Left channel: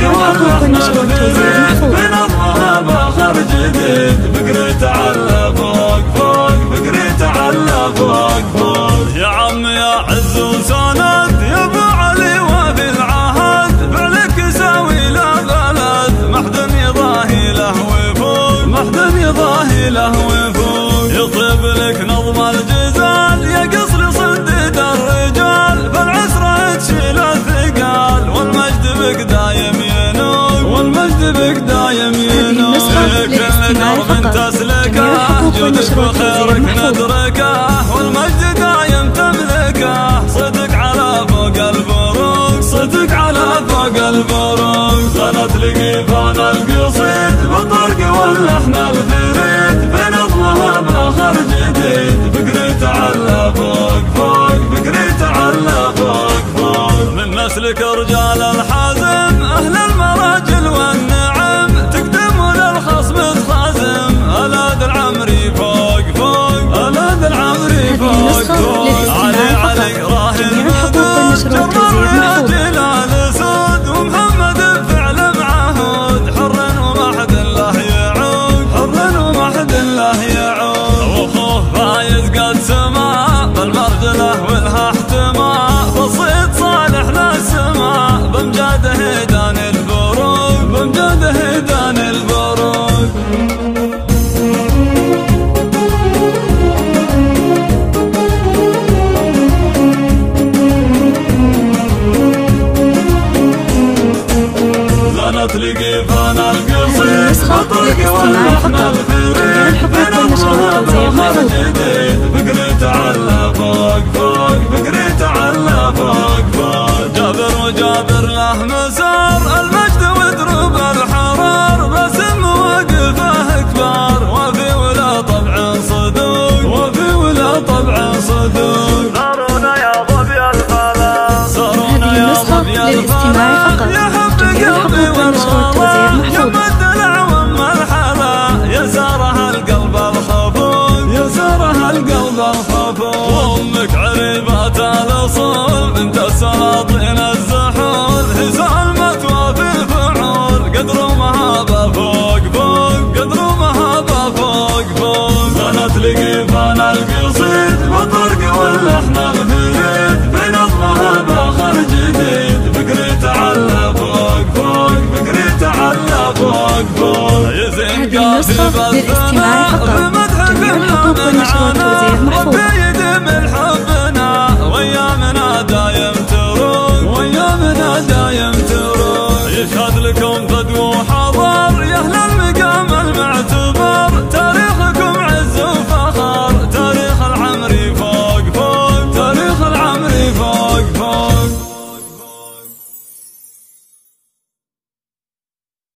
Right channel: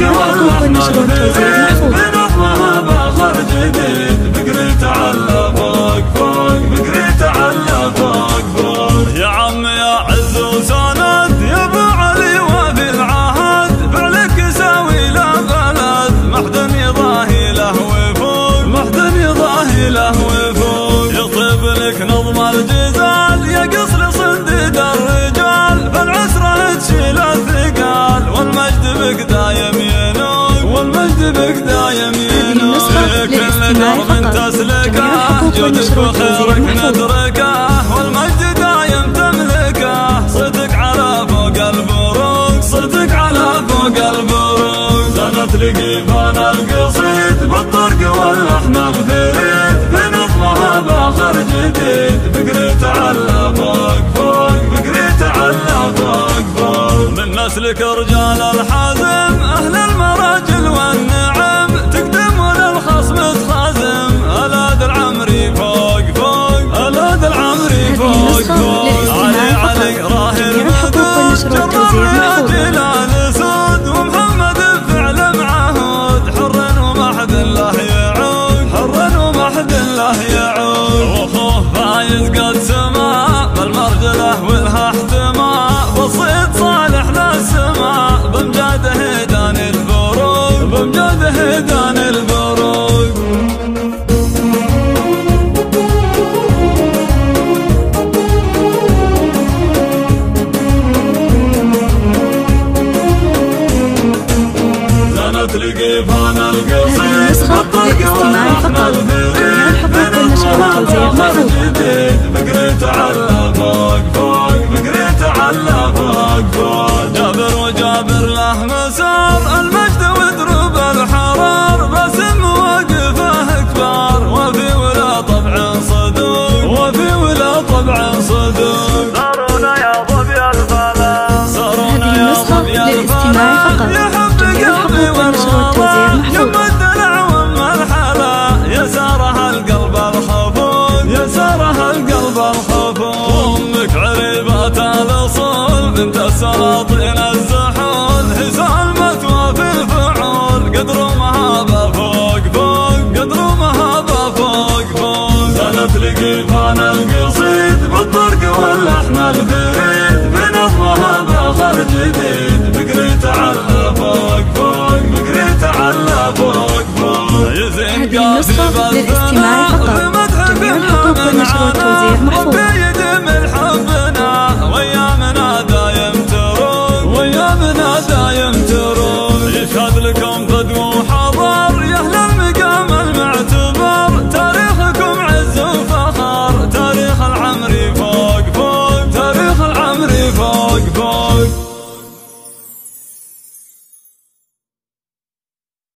جميع الحقوق والنشر والتوزيع محفوظة. باخر جديد فكرة على فوق فوق فكرة على فوق فوق. يا عم يا عز وسند يا ابو علي وفي العهد فعلك يساوي له بلد ما حد يضاهي له وفوق ما حد يضاهي له وفوق. يطيب لك نظم الجزال يقص لصنديد الرجال فالعسرة تشيل الثقال والمجد بك دايم ينوق والمجد بك دايم ينوق. كل درب تسلكه جودك وخيرك ندركه والمجد دايم تملكه. صدق على فوق البروق صدق على فوق البروق. زنت لقيفان القصيد بالطرق واللحن الفريد بنظمها باخر جديد فكرة على فوق فوق فكرة على فوق فوق. من نسلك رجال الحزم أهل المراجل والنعم تقدم للخصم تخازم ألاد العمري فوق فوق ألاد العمري فوق فوق. علي علي راهي المدود جرب جلال سود ومحمد فعل معهود حر وما حد الله يعود حر وما حد الله يعود. واخوه فايز قد سما بالمرجله والها احتماء بسيط صالح للسماء بمجاده دان البروق بمجاده دان البروق. هذه النسخة للاستماع فقط. جميع الحقوق والنشر والتوزيع محفوظة. فكرة على فوق فوق فكرة على فوق فوق. جابر وجابر له مسار المجد ودروب الحرار باسم مواقفه كبار وفي ولا طبع صدوق وفي ولا طبع صدوق. صارونا يا ظبي الفلا صارونا يا ظبي الفلا يا حب قلبي والنشر يم الدلع وام الحلا يسارها القلب الخفوق يسارها القلب الخفوق. وامك عريبات الاصول بنت السلاطين الزحول هي سالمة وفي الفعول قدر مهابه فوق فوق قدر مهابه فوق فوق. زنت لقيفان القصيد بالطرق واللحن الفريد بنظمها باخر جديد فكرة على فوق فوق فكرة على فوق فوق. هذه النسخة للاستماع فقط. جميع الحقوق والنشر والتوزيع محفوظة. يدم الحبنا ويامنا دايم تروق ويامنا دايم تروق. يشهد لكم بدو وحضر يا اهل المقام المعتبر تاريخكم عز وفخر تاريخ العمري فوق فوق تاريخ العمري فوق.